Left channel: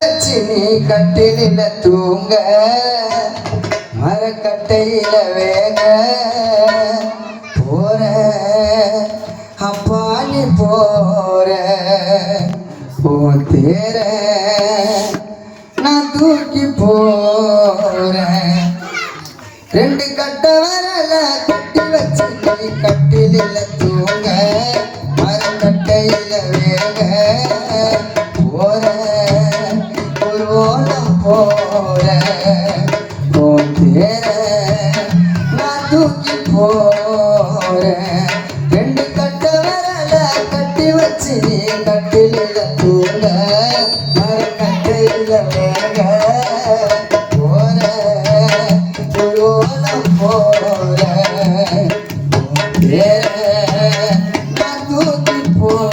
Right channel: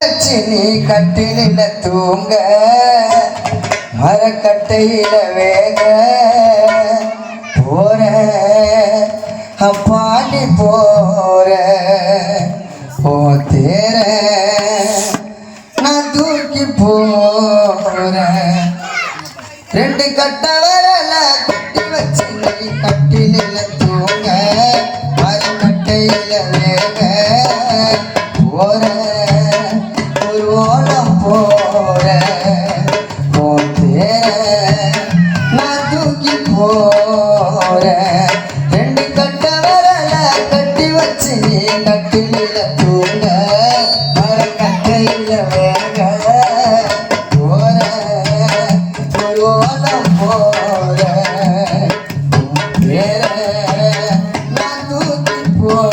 நீ கட்டில தூங்க மரக்கட்டையில வேக போற அப்பா நீ போற போ தேர நான் தூக்கி போற ரெண்டு கட்ட வரல கட்டி வச்சு நீ கட்டில தூங்க மரக்கட்டையில வேக போற போற நான் தூக்கி போற ரெண்டு கட்ட வரல கட்டி வச்சு கட்டில தூங்க கட்டையில வேக போற ஒரு ஓலம் போற நான் தூக்கி போற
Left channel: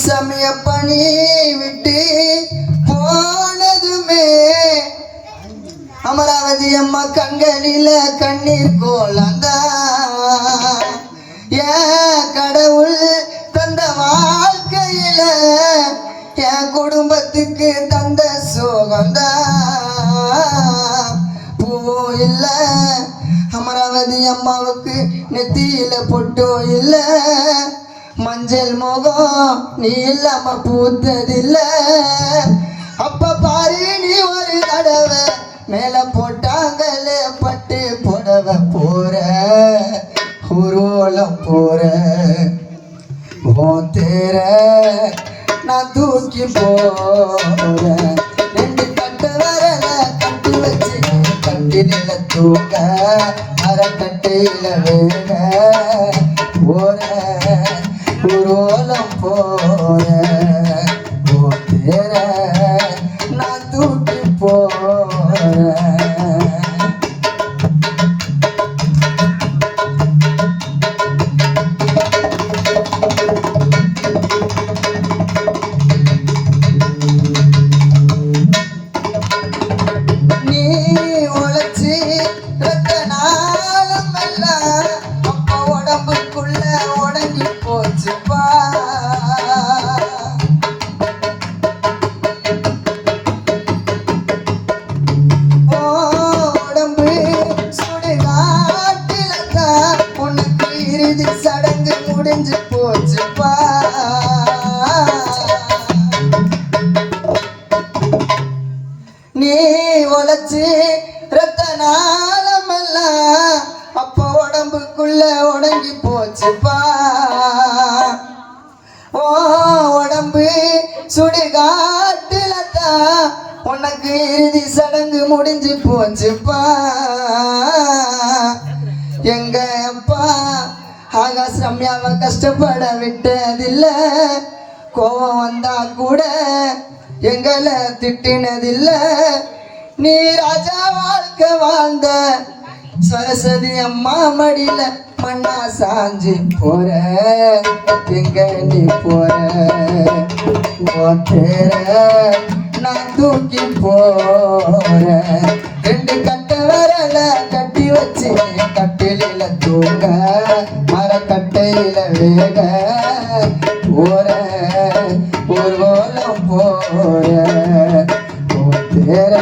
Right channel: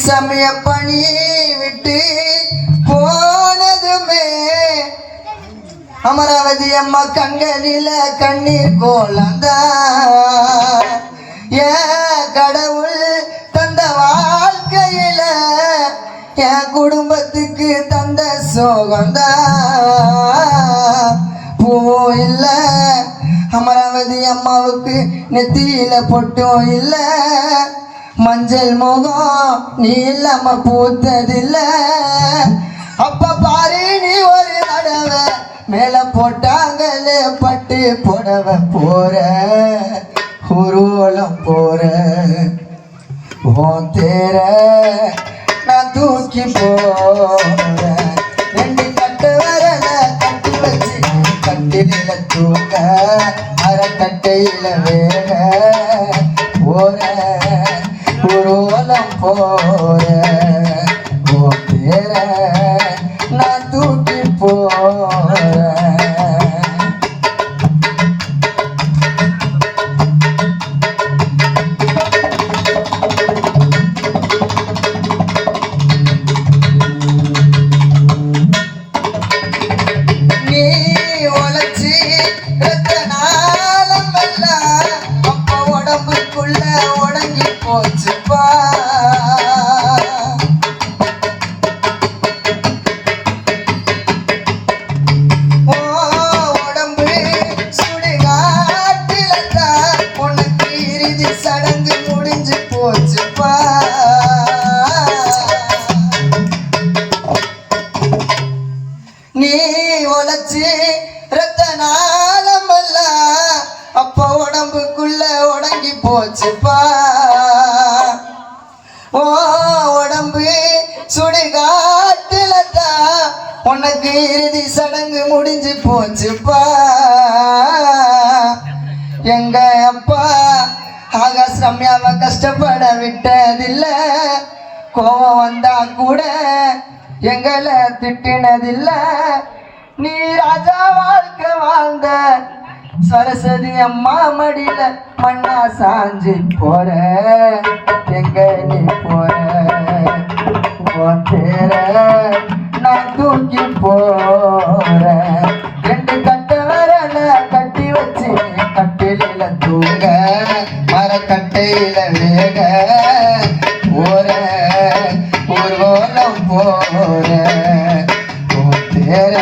சமய பணி விட்டு போனதுமே அமராவதி அம்மா கண்களில கண்ணீர் கோலந்த ஏன் கடவுள் தந்த வாழ்க்கையில என் குடும்பத்துக்கு தந்த சோகந்த பூவோ இல்ல அமராவதி அம்மாவுக்கு நெத்தியில பொட்டோ இல்ல மஞ்சள் முகம் நீ இல்லாம பூத்ததில்ல அப்ப பாரு நீ ஒரு தடவை மேல போட்டாங்களே பட்டு புடவை போற ஊர்வலம் போற ஓ தேர நான் தூக்கி போற ரெண்டு கட்ட வரல கட்டி வச்சு கட்டில தூக்க அரைக்கட்டையில வேக போற ஊர்வலம் போற நான் தூக்கி போற நீ உழைச்சி உடம்புக்குள்ள உடங்கி போச்சுப்பா உடம்பு சுடுகாட்டில தான் உனக்கு இறுதி சடங்கு முடிஞ்சு போச்சுப்பா நீ உழைச்சி ரத்த நாளமெல்லாம் அப்ப உடம்புக்குள்ள உடங்கி போச்சுப்பா ஓ உடம்பு சுடுகாட்டுல தான் உனக்கு இறுதி சடங்கு முடிஞ்சு போச்சுப்பா எங்க அப்பா ஆகாஷ் ரம்யாவை கஷ்டப்பட விட்டதில்ல கோவம் வந்தா கூட எங்களை திட்டினதில்ல நீ ராஜா வாழ்க்கை வாழ்ந்த சரஸ்வதி அம்மா மடியில மண்ணா சாஞ்சி போற எங்க நீ போற தேர நான் தூக்கி போற ரெண்டு கட்ட வரல கட்டி வச்சு கட்டில தூங்க மரக்கட்டையில வேக போற ஒரு ஓலம் போற தேர